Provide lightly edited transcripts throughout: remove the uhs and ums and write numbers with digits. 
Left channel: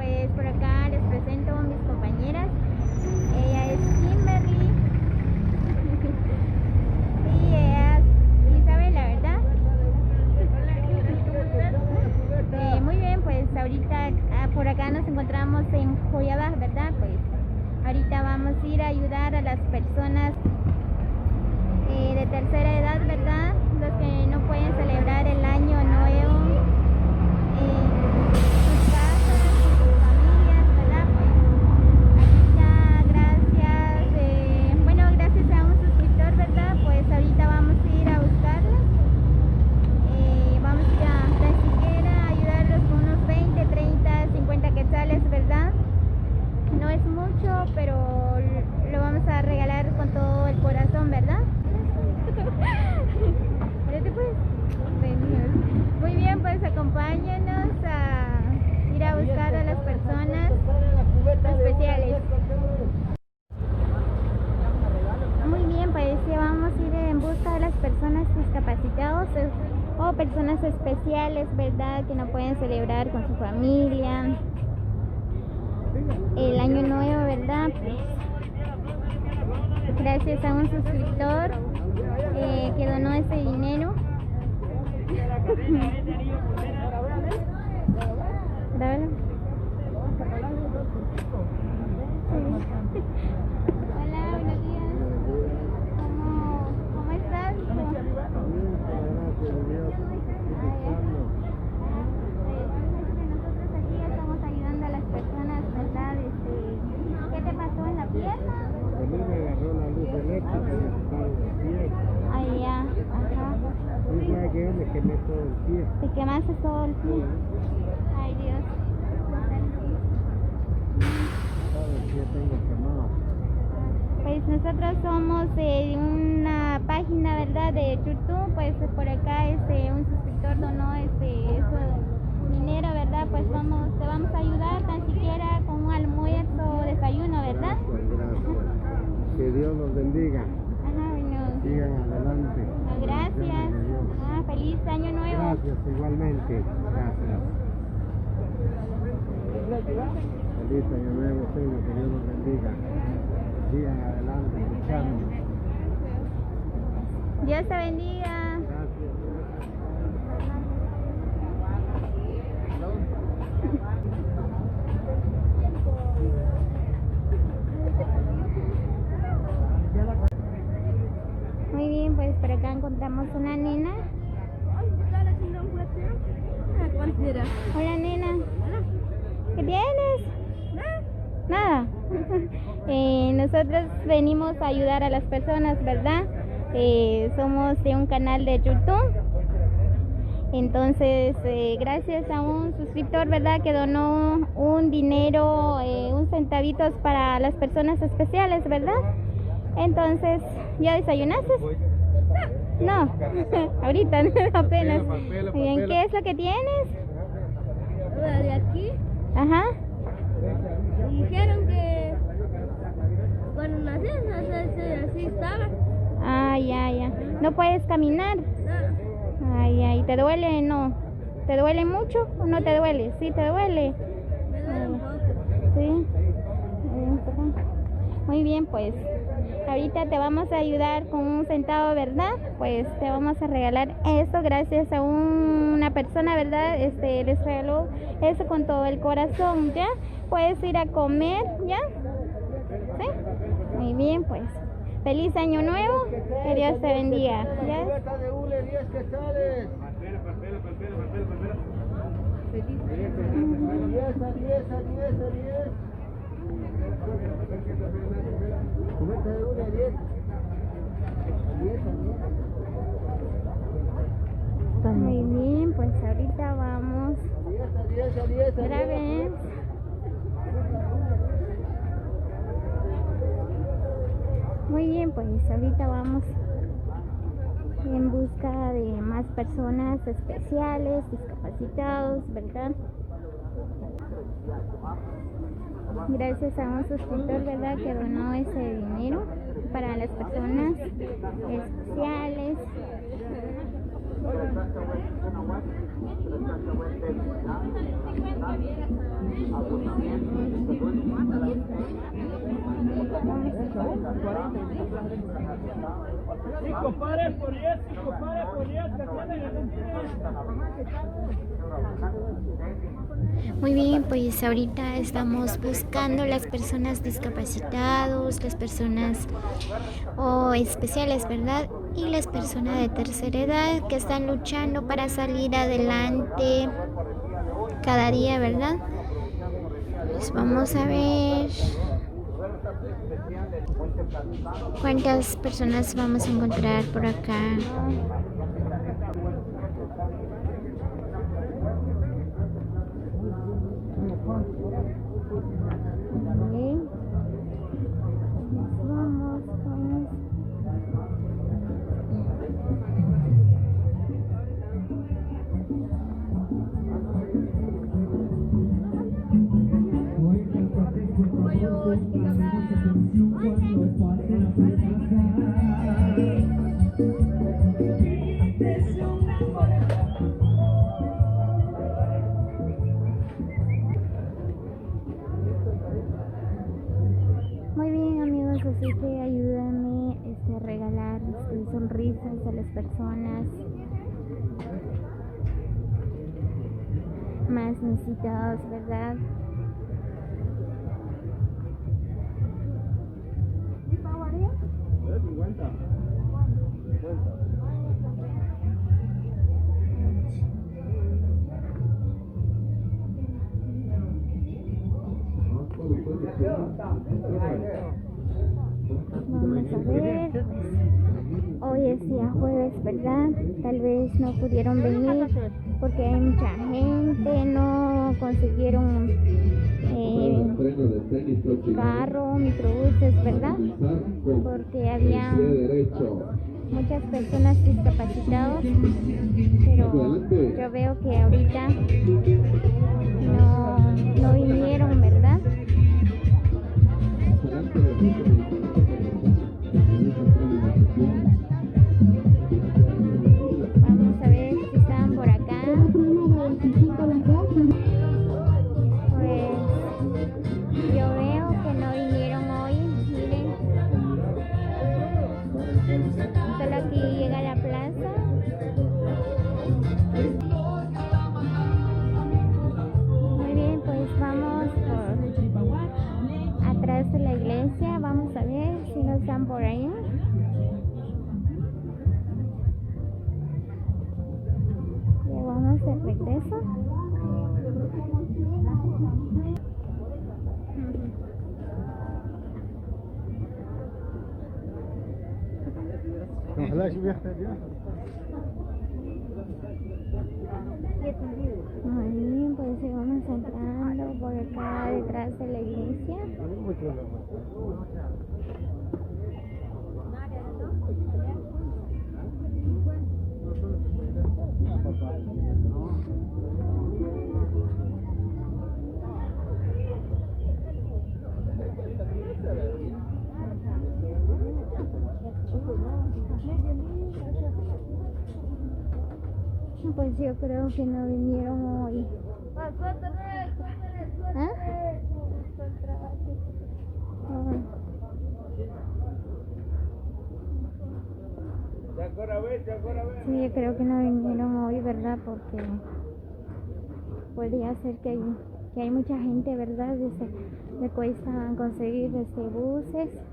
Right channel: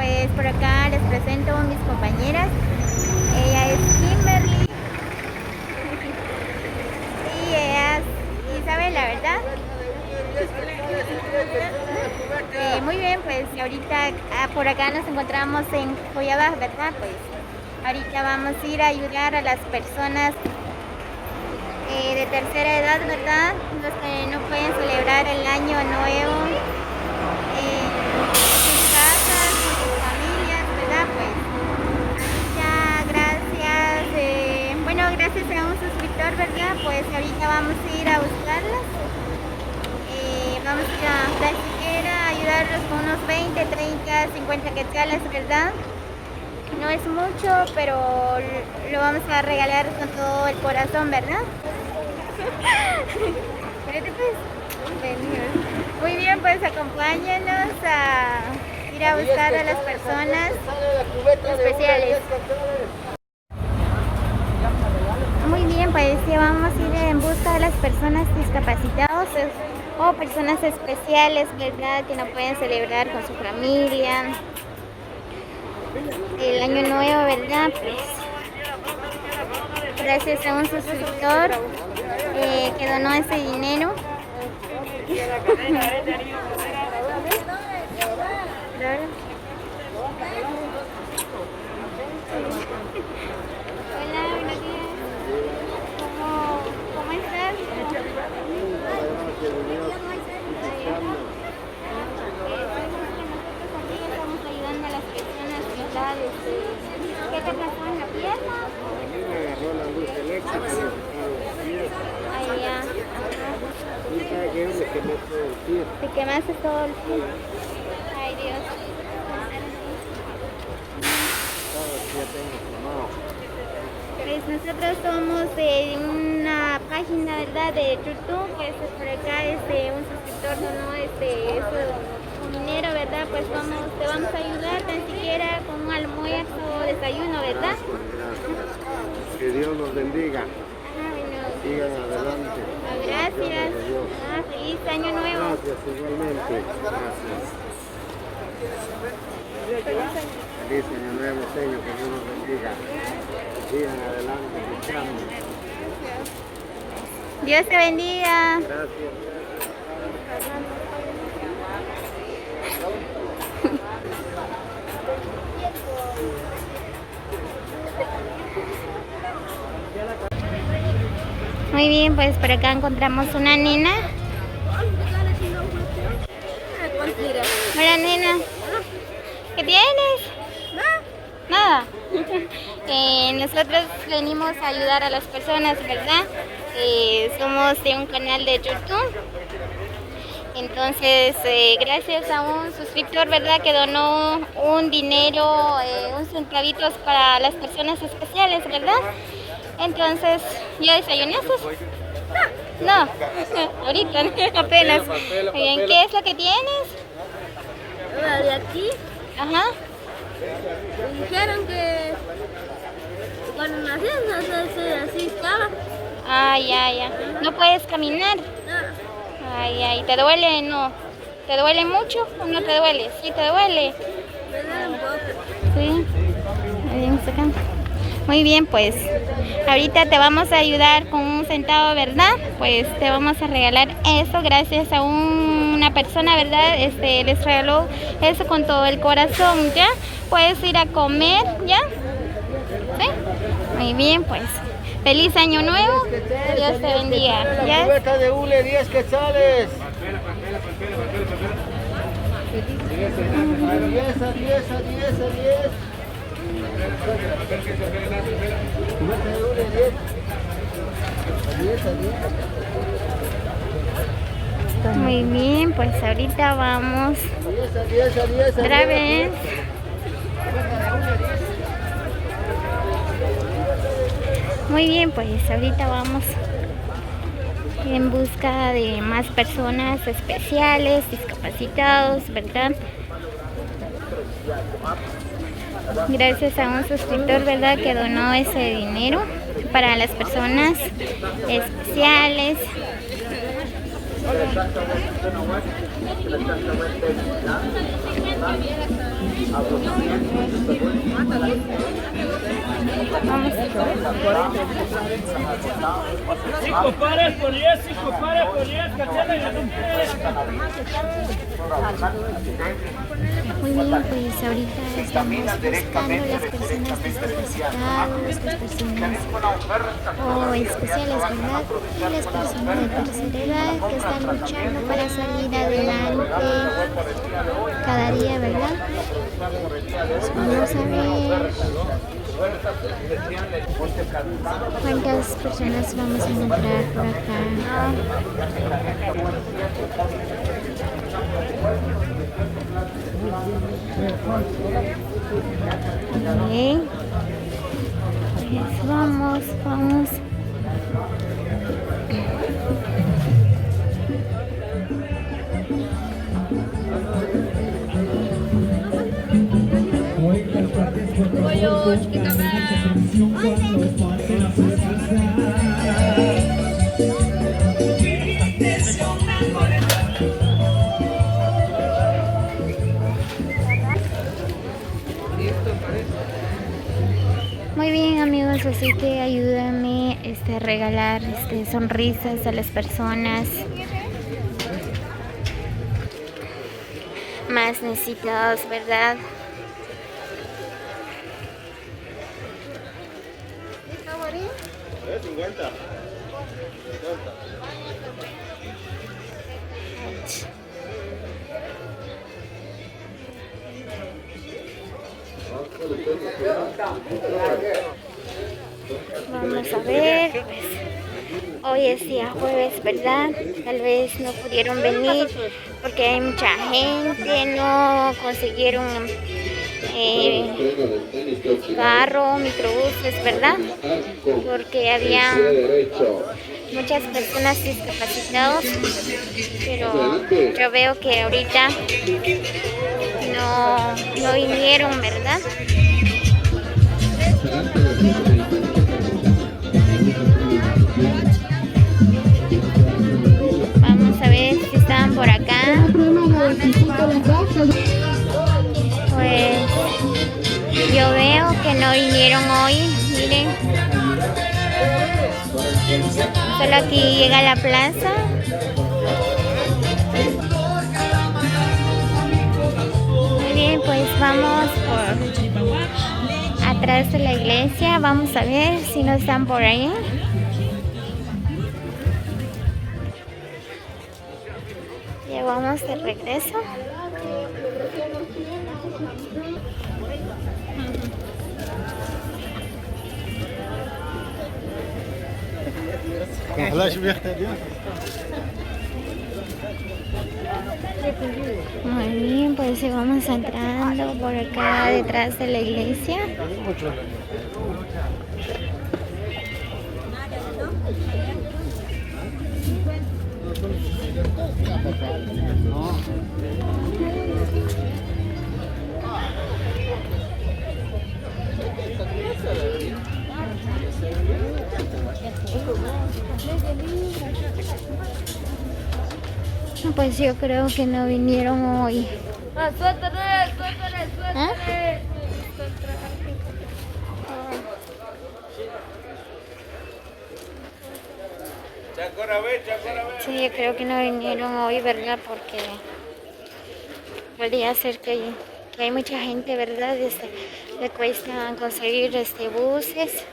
pues por acá les presento a mis compañeras. Ella es Kimberly y ella es Isabel, la verdad. Muy bien, pues ahorita por acá nos encontramos en Joyabaj, ¿verdad? Pues ahorita vamos a ir a ayudar a las personas de tercera edad, ¿verdad? Los que no pueden celebrar el año nuevo en sus casas, con sus familias, ¿verdad? Pues ahorita gracias a un suscriptor, ¿verdad? Pues ahorita vamos a ir a buscarlas. Vamos a ir a tan siquiera ayudarlos con unos 20, 30, 50 quetzales, ¿verdad? No es mucho, pero lo vamos a regalar con todo el corazón, ¿verdad? Espérate pues. Muy bien, pues acompáñanos a ir a buscar a las personas especiales. Muy bien, pues ya vamos a ir en busca de las personas discapacitadas o personas especiales, ¿verdad? Que no pueden celebrar con su familia el año nuevo, ¿verdad? Pues gracias a un suscriptor que donó ese dinero. Hola, buenos días. ¿Cómo estás? Nosotros aquí estamos ayudando a las personas, ¿verdad? ¿Qué te pasó en la pierna? A mí me agarró la luz eléctrica y me sacaron los pies. Ahí ya. Ajá. Y ya que yo me quemé todo el pie. ¿Te quemaste todo el pie? Ay, Dios. Todo el pie tengo quemado. Pues nosotros somos de una página, ¿verdad? De YouTube. Pues por acá un suscriptor donó su dinero, ¿verdad? Pues te vamos a ayudar tan siquiera con un almuerzo o desayuno, ¿verdad? Gracias. Que Dios los bendiga. Ajá, bueno. Sigan adelante. Gracias. Feliz año nuevo. Gracias, igualmente. Gracias. Feliz año nuevo, Señor, que Dios los bendiga. Sigan adelante, luchando. Dios te bendiga. Gracias. Muy bien, pues por acá encontramos una nena. Hola, nena. ¿Qué tienes? Nada. Nosotros venimos a ayudar a las personas, ¿verdad? Somos de un canal de YouTube. Entonces, gracias a un suscriptor, ¿verdad? Que donó un dinero, un centavitos para las personas especiales, ¿verdad? Entonces, ¿ya desayunaste? No, ahorita, apenas. Bien, ¿qué es lo que tienes? De aquí Ajá. me dijeron que cuando nací así estaba. Ah, ya. ¿No puedes caminar? No, Ay, ¿te duele? No. ¿Te duele mucho o no te duele? Sí, te duele. me duele un poco. Sí. Muy bien, pues ahorita te vamos a ayudar con un centavo, ¿verdad? Pues te vamos a regalar eso gracias a una persona, ¿verdad? Les regaló eso con todo el corazón, ¿ya? Puedes ir a comer, ¿ya? ¿Sí? Muy bien, pues feliz año nuevo, que Dios te bendiga, ¿ya? Cubeta de hule, 10 quetzales. 10 a 10 a 10 a 10. Muy bien, pues ahorita vamos otra vez. Muy bien, pues ahorita vamos en busca de más personas especiales, discapacitados, ¿verdad? Gracias a un suscriptor, ¿verdad? Que donó ese dinero para las personas especiales. Vamos. 5 pares por 10, 5 pares por 10, cachela y Muy bien, pues ahorita estamos buscando las personas discapacitadas, las personas especiales, ¿verdad? Y las personas de tercera edad que están luchando para salir adelante cada día, ¿verdad? Pues vamos a ver cuántas personas vamos a encontrar por acá. Okay. Pues vamos. Muy bien, amigos, así que ayúdame a regalar sonrisas a las personas más necesitadas, ¿verdad? ¿50? 50. Vamos a ver, pues, hoy es día jueves, ¿verdad? Tal vez no pudieron venir porque hay mucha gente, no consiguieron carro, microbuses, ¿verdad? Porque había muchas personas discapacitadas, pero yo veo que ahorita no vinieron, ¿verdad? Vamos a ver si están por acá. Pues yo veo que no vinieron hoy, miren. Solo aquí llega la plaza. Muy bien, pues vamos por atrás de la iglesia. Vamos a ver si no están por ahí. Ya vamos de regreso. Muy bien, pues vamos entrando por acá detrás de la iglesia. Pues yo creo que no vinieron hoy. ¿Ah? Sí, yo creo que no vinieron hoy, ¿verdad? Porque podría ser que hay mucha gente, ¿verdad? Le cuesta conseguir buses.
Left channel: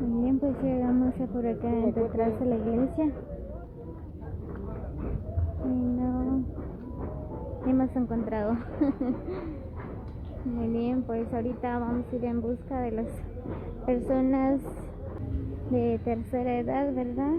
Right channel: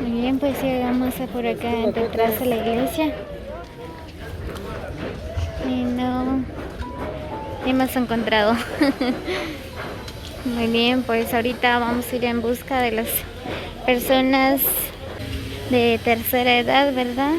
Muy bien, pues llegamos a por acá detrás de la iglesia y no hemos encontrado. Muy bien, pues ahorita vamos a ir en busca de las personas de tercera edad, ¿verdad?